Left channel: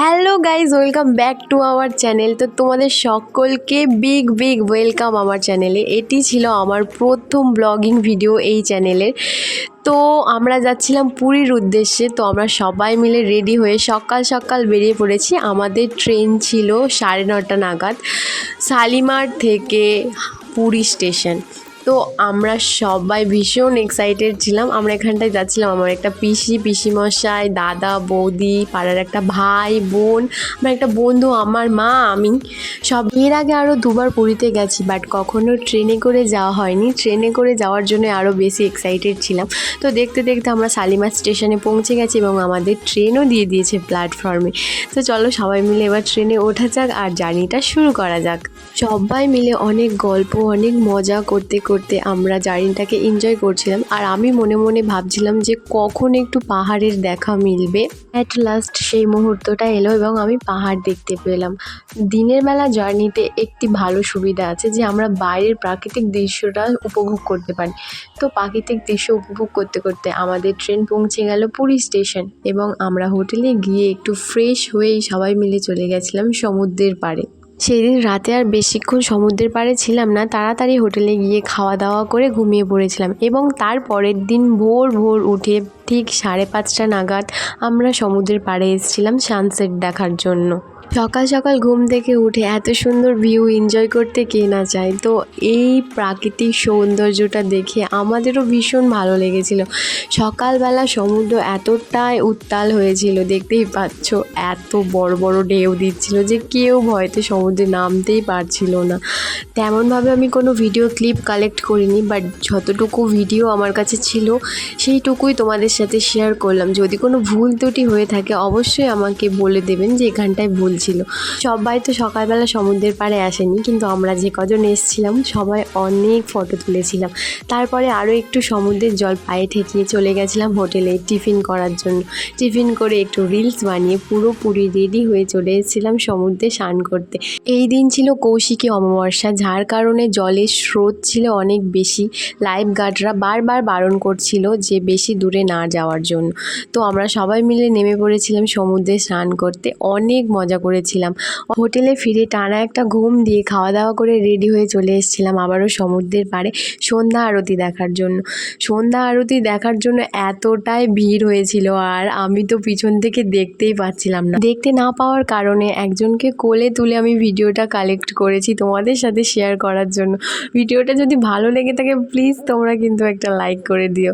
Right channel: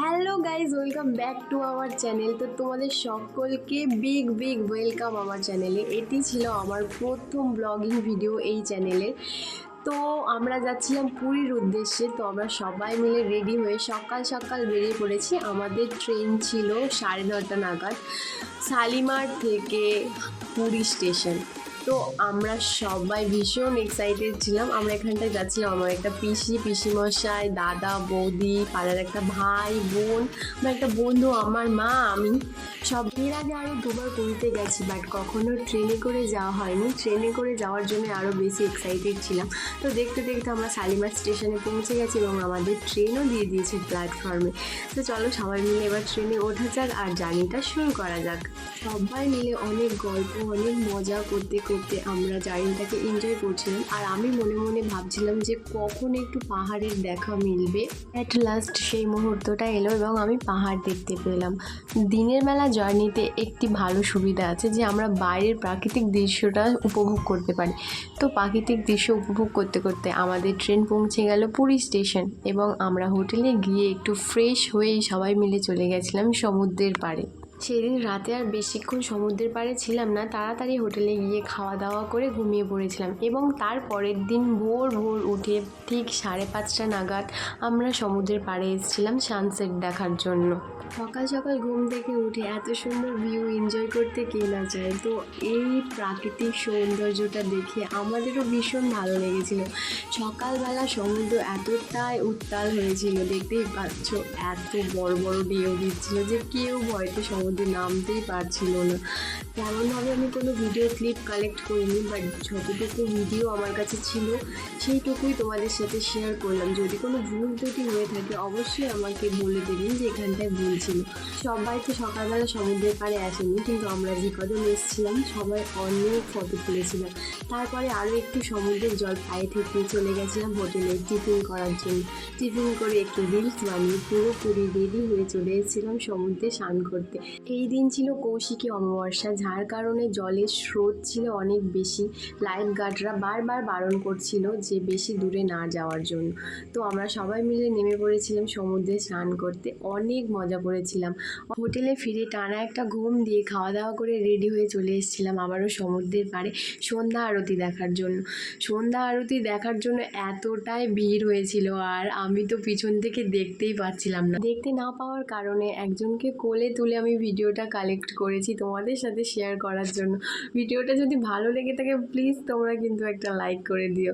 Hello guys welcome back to our channel. তো তোমাদের সকলকে বিগ বিগ ওয়েলকাম আমার চ্যানেলে। এটি ছিল আমার প্রথম ব্লগিং ভিডিও এই চ্যানেলের। তো আমরা যাচ্ছিলাম পুরীর উদ্দেশ্যে। তো আমরা সবাই মিলে রেডি হয়ে সকাল সকাল বেরিয়ে পড়েছি। আমাদের ট্রেন ছিল সাড়ে নটা নাগাদ শালিমার থেকে পুরী স্টেশন। তো আমরা সবাই ভীষণ এক্সাইটেড ছিলাম। আমরা এখানটায় যাচ্ছিলাম। আমার একটা পিসি, পিসিমশাই, দাদা, বৌদি, পাড়ার একটা ভাই, বোন, আমার একটা বন্ধু, আমার মা, আমি। সব এর আগে আরও দুবার পুরীতে গেছি বাট কখনো ট্রেনে করে যাওয়া হয়নি। ট্রেনে করে যাওয়ার জন্য আরও বেশি এক্সাইটেড ছিলাম। তো দেখতে দেখতে আমরা শালিমার স্টেশনে পৌঁছে গেছি এবং আমাদের ট্রেনও দিয়ে দিয়েছে প্ল্যাটফর্মে তো চলো সবাই মিলে এবার ট্রেনে ওঠা যাক আর জার্নিটা শুরু করা যাক। সবাই মিলে অনেক গল্প, অনেক মজা করতে করতে আমরা জার্নিটাকে এনজয় করছিলাম আর আমি মনে মনে ভাবছিলাম যে কখন একটু পাহাড়ের দেখা মিলবে। অ্যাট লাস্ট সেই মুহূর্তটা এলো এবং আমি পাহাড় দেখতে পেলাম। দিনের বেলা জার্নিতে একটি ভালো সুবিধা আছে যে আমরা বাইরের প্রাকৃতিক দৃশ্যটা উপভোগ করতে পারি। তো প্রাকৃতিক দৃশ্য উপভোগ করতে করতে আমাদের ট্রেন পৌঁছে গেল পুরী স্টেশন এবং আমরা হোটেলে গিয়ে একটু ফ্রেশ হয়েই সবাই মিলে চলে গেছিলাম সমুদ্রের পাড়ে। সেদিন রাতে আর বেশিক্ষণ সমুদ্রের পাড়ে ছিলাম না, তাড়াতাড়ি হোটেলে গিয়ে খাওয়া দাওয়া করে ঘুমিয়ে পড়েছিলাম এবং তার পরের দিন ভোর ভোর উঠে ঠিক সাড়ে পাঁচটা নাগাদ আমরা সমুদ্রের পাড়ে এসেছিলাম সানসেট দেখার জন্য। সকাল সকাল ঘুম থেকে উঠে এত সুন্দর ভিউ এনজয় করতে কে না চায়? তো এই প্রাকৃতিক সৌন্দর্যটা দেখে আমাদেরও ভীষণ ভালো লেগেছিল। সকালবেলা সমুদ্র এতটাই উত্তাল হয়েছিল, দেখতেই পাচ্ছ, এত বড় বড় ঢেউ দিচ্ছিল যে কেউ ভয়তে সমুদ্রে নামতেই পারছিল না। তেমনভাবে আমি কোনো ভিডিও ক্লিপ কালেক্ট করিনি বাট যতটুকু ভিডিও আমার কাছে ছিল, সেইটুকুই তোমাদের সাথে শেয়ার করলাম। যদি কোনো ভুল ত্রুটি হয়ে থাকে, অবশ্যই আমাকে বলে দেবেন যে এখানটায় ভুল ছিল সবাই তো সকালবেলা সমুদ্রের পাড়ে আসেনি, কিন্তু আমরা যে কজন এসেছিলাম সবাই অনেক ফটো তুলেছিলাম। তারপরে আরও একটু সমুদ্রের জল পায়ে ঠেকিয়ে চলে গেছিলাম হোটেলে টিফিন করার জন্য। টিফিন করে একটু রিলস বানিয়ে পুরোপুরি রেডি হয়ে চলে এসেছিলাম সমুদ্রে স্নান করতে। এই দিন ছিল কৌশিকী অমাবস্যা, যার কারণে জলের স্রোত ছিল অনেক বেশি। লাইফ গার্ডরা বারবার বারণ করছিল যে বেশি দূরে না যাওয়ার জন্য। তো আমরা সবাই মিলে নেমে পড়েছিলাম সমুদ্রে স্নান করতে। অনেক মজা করেছিলাম। হোটেলে ফিরে টানা একটা ঘুম দিয়ে খাওয়া দাওয়া করে রেডি হয়ে চলে এসেছিলাম আবারও সমুদ্রের পাড়ে সন্ধ্যা আরতি দেখার জন্য। সন্ধ্যা আরতি দেখার জন্য এতটাই ভিড় হয়েছিল আর আমি তো পিছন থেকে দেখতেই পাচ্ছিলাম না। দেখতে না পাওয়ার কারণে একজনকে কোলে তুলে আমি ভিডিওটা কালেক্ট করেছি তোমাদের সাথে শেয়ার করার জন্য। ভিডিওটা যদি ভালো লেগে থাকে, প্লিজ তোমরা কিন্তু একটা লাইক করে দিও।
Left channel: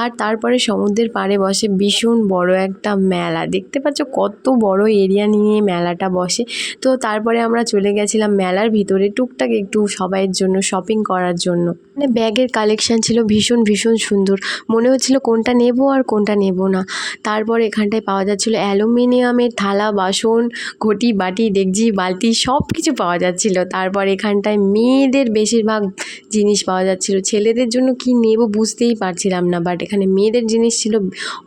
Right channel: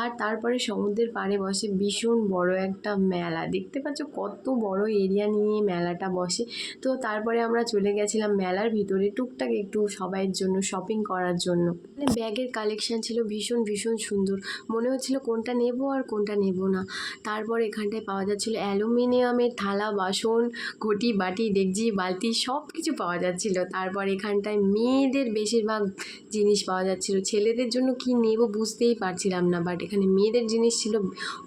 আর তারপরে সমুদ্রের পাড়ে বসে ভীষণ বড় একটা মেলা। দেখতে পাচ্ছ কত বড় এরিয়া নিয়ে মেলাটা বসে। তো তারপরে আমরা চলে গেছিলাম মেলার ভিতরে টুকটাক একটু সবাইয়ের জন্য শপিং করার জন্য। মানে ব্যাগের কালেকশান ছিল ভীষণ ভীষণ সুন্দর। মনে হচ্ছিল কোনটা নেব আর কোনটা নেব না। তারপর এখানটায় পাওয়া যাচ্ছিল অ্যালুমিনিয়ামের থালা, বাসন, ঘটি, বাটি, ডেকচি, বালতি সব কিছু পাওয়া যাচ্ছিল। তারপর এখানটায় মেয়েদের বেশিরভাগ জিনিস পাওয়া যাচ্ছিল। ছেলেদের জন্য কি নেব বুঝতেই পারছিলাম না বাট এখানে মেয়েদের জিনিস ছিল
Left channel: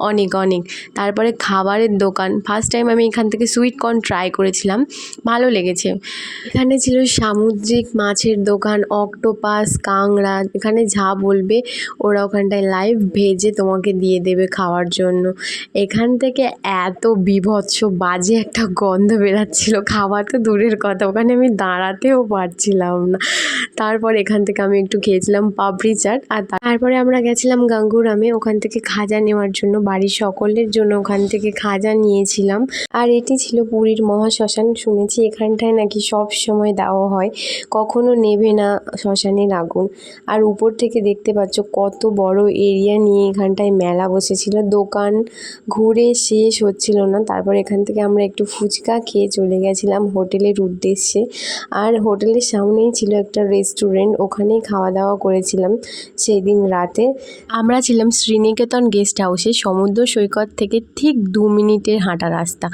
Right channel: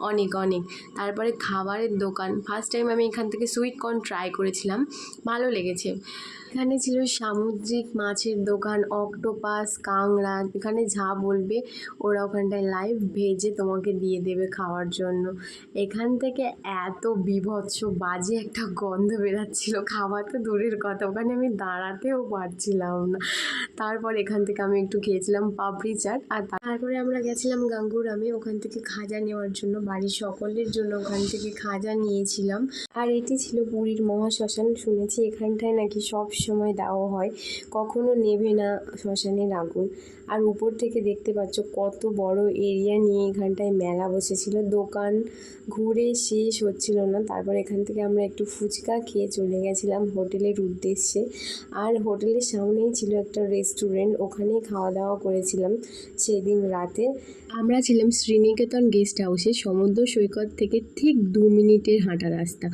অনেক অনেক। তারপরে খাবারের দোকান। ফার্স্ট টাইম আমি এখান থেকে সুইট কর্ন ট্রাই করেছিলাম। ভালো লেগেছে। এখানে ছিল সামুদ্রিক মাছের দোকান অক্টোপাস কাংড়া এখানে যা বলবে ওরা ওখানটায় লাইভ ভেজে তোমাকে দিয়ে দেবে খাওয়ার জন্য। এখান থেকে এত বিভৎস, বাজে একটা গন্ধ বেরাচ্ছিল। খাওয়া তো দূরের কথা, ওখানে আমি দাঁড়াতেও পারছিলাম না। তারপর এখান থেকে আমি একটু খেয়েছিলাম পাপড়ি চাট। আর তারপরে আমরা গেছিলাম গাঙ্গুরামে। ওখান থেকে খাজা নেওয়ার জন্য, বাড়ির সকলের জন্য ওখান থেকে খাজা নিয়েছিলাম। আর এটি ছিল পুরীর মহাশ্মশান শুনেছি, এখানটায় নাকি সব সময় দেওয়া হয়। কখনো নেভে না শ্মশানের আগুন। আর উপর থেকে দেখতে পাচ্ছ কত বড় এরিয়া নিয়ে এখানটায় মেলা বসেছিল। দোকান ঘুরে শেষ হচ্ছিল না। তারপর এখান থেকে আমরা একটু ফুচকা খেয়ে চলে গেছিলাম হোটেলের উদ্দেশ্যে। আর হোটেলের সামনেই ছিল একটা রেস্টুরেন্ট, ওখানেই খাওয়া দাওয়া করেছিলাম সেদিন রাতে। আমরা ছিলাম শ্রীনিকেতন গেস্ট হাউসে সমুদ্র সৈকত থেকে ঠিক দু মিনিটের হাঁটা রাস্তা।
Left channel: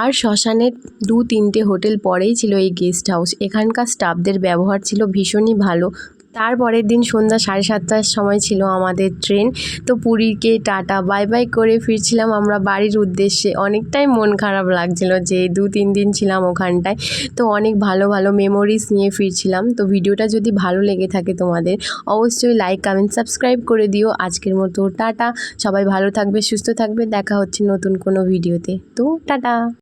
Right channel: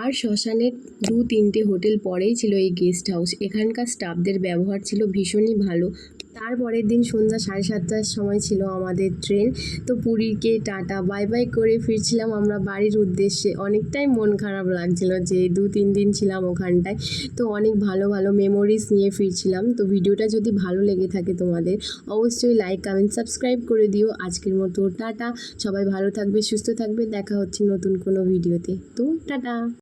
আর শ্মশানের দু তিনটে হোটেল পরেই ছিল এই গেস্ট হাউস। এখানকার স্টাফদের ব্যবহার ছিল ভীষণই ভালো। তারপরের দিন সন্ধ্যা সাড়ে সাতটার সময় ছিল আমাদের ট্রেন। তো পুরীকে টাটা, বাই বাই করে ফিরছিলাম আমরা বাড়ির উদ্দেশ্যে। অনেকটাই মন খারাপ লাগছিল যে দু তিন দিন ছিলাম ওখানটায়। তো অনেক ভালো ভালো মেমোরিজ নিয়ে ফিরছিলাম। তো ভিডিওটা যদি ভালো লেগে থাকে তোমাদের, অবশ্যই লাইক কমেন্ট সাবস্ক্রাইব করে দিও। আজকের মতো টাটা। সবাই ভালো থাকবে, সুস্থ থাকবে। দেখা হচ্ছে নতুন কোনো ভিডিওতে তো টাটা।